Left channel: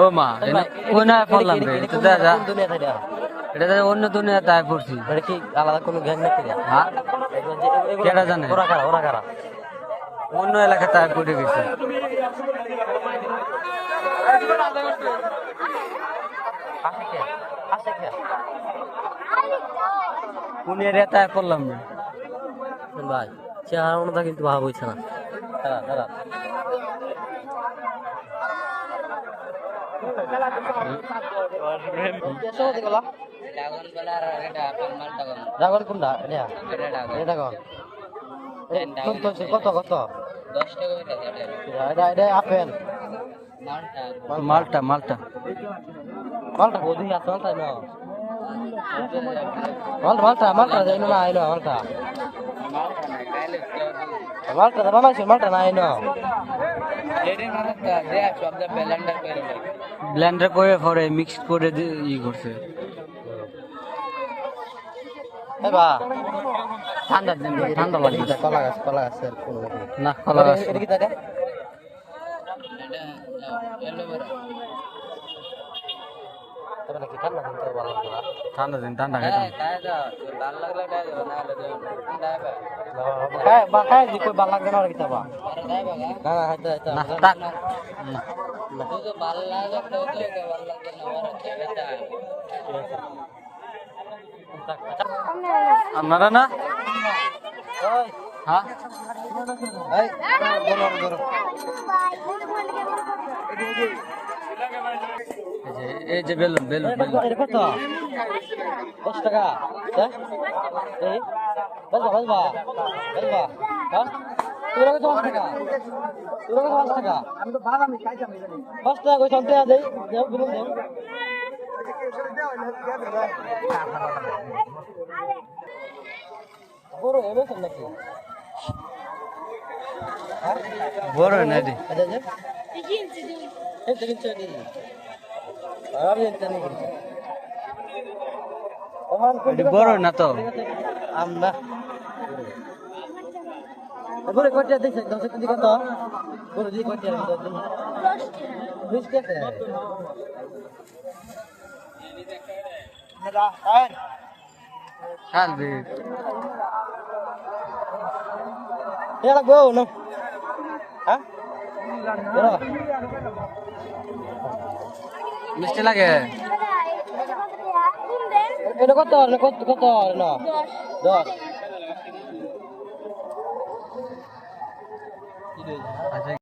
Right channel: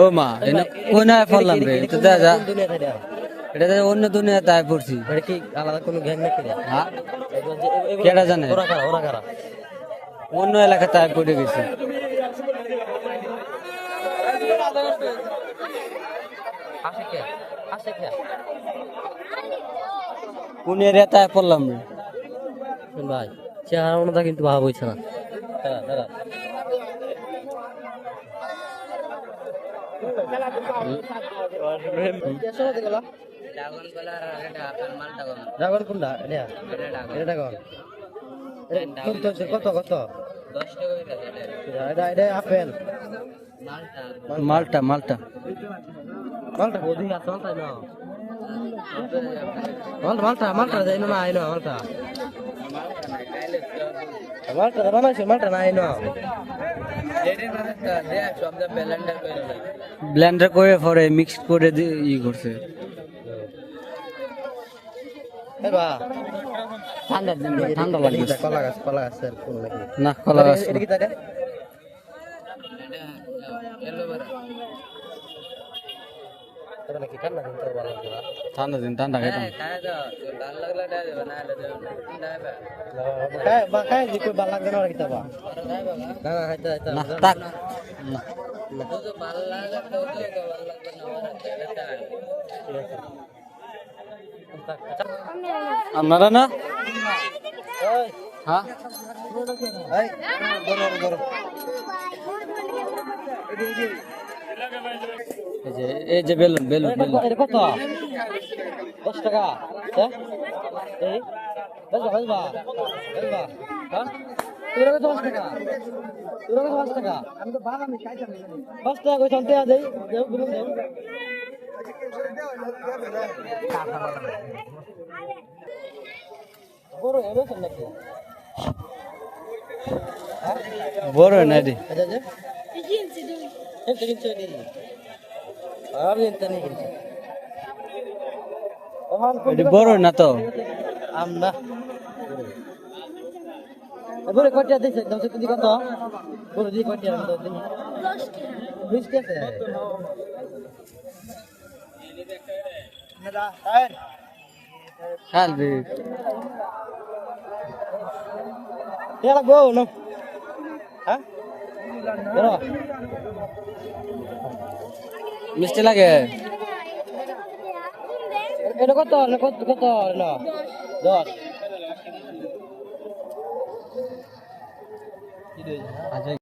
ও মা এনে কোন আয় পড়লাম রে। এটা যা এটা দেখা অন্য দুনিয়া তাই পড়ছি। এটা কি আলাদা কোনো গ্যাং নাকি হ্যাঁ কেডা জানে? ওরা কারা ওরা কারা? অন্য এলাকা তাই পড়ে গেছে। কোন এরিয়া তাই পড়লাম রে। ভাই চেহারা অনুদা কিন্তু ভাব হইছে না। কত কত মালটা মালটা মালটা মালটা না মালটা মালটা মালটা যাই না আইনো মালটা মালটা বানাইছে মালটা না আইনো ব্লেন্ডার করে পরে মিক্স করে দি- ই করছে। ঠান্ডা দিন ঠান্ডা কলা গাছ নাকি তবে নাকি ঠান্ডা কিন্তু ভালো লাগবে না। ঠান্ডা দিন ঠান্ডা খাইতাম। খায় বা খায় যে কই ভালো লাগবে না আর কি তাবা না না হাইতে হাইতে না তাক না। আপনারা না? হ্যাঁ? এই এই যে বেলুন বেলুন বেলুন কত দশ টাকা হ্যাঁ? এই বলবা বলবা বলবা হ্যাঁ? তোরা কত দশ টাকা তোরা কত পাঁচ টাকা। আমি তো ভাড়া আমি খাইতাম পাঁচ টাকা কই চলতে দেই দেও বিলুন দেও। বড় না রে। আচ্ছা বড় না তো? আমরা এবারে কটিয়া দিছে? দশ কেজি কত? কত দিই বিশ টাকা না খালবে এটা গো না? হ্যাঁ? মিষ্টি লাগে? এটা কত? কত? কত? না দশ। আচ্ছা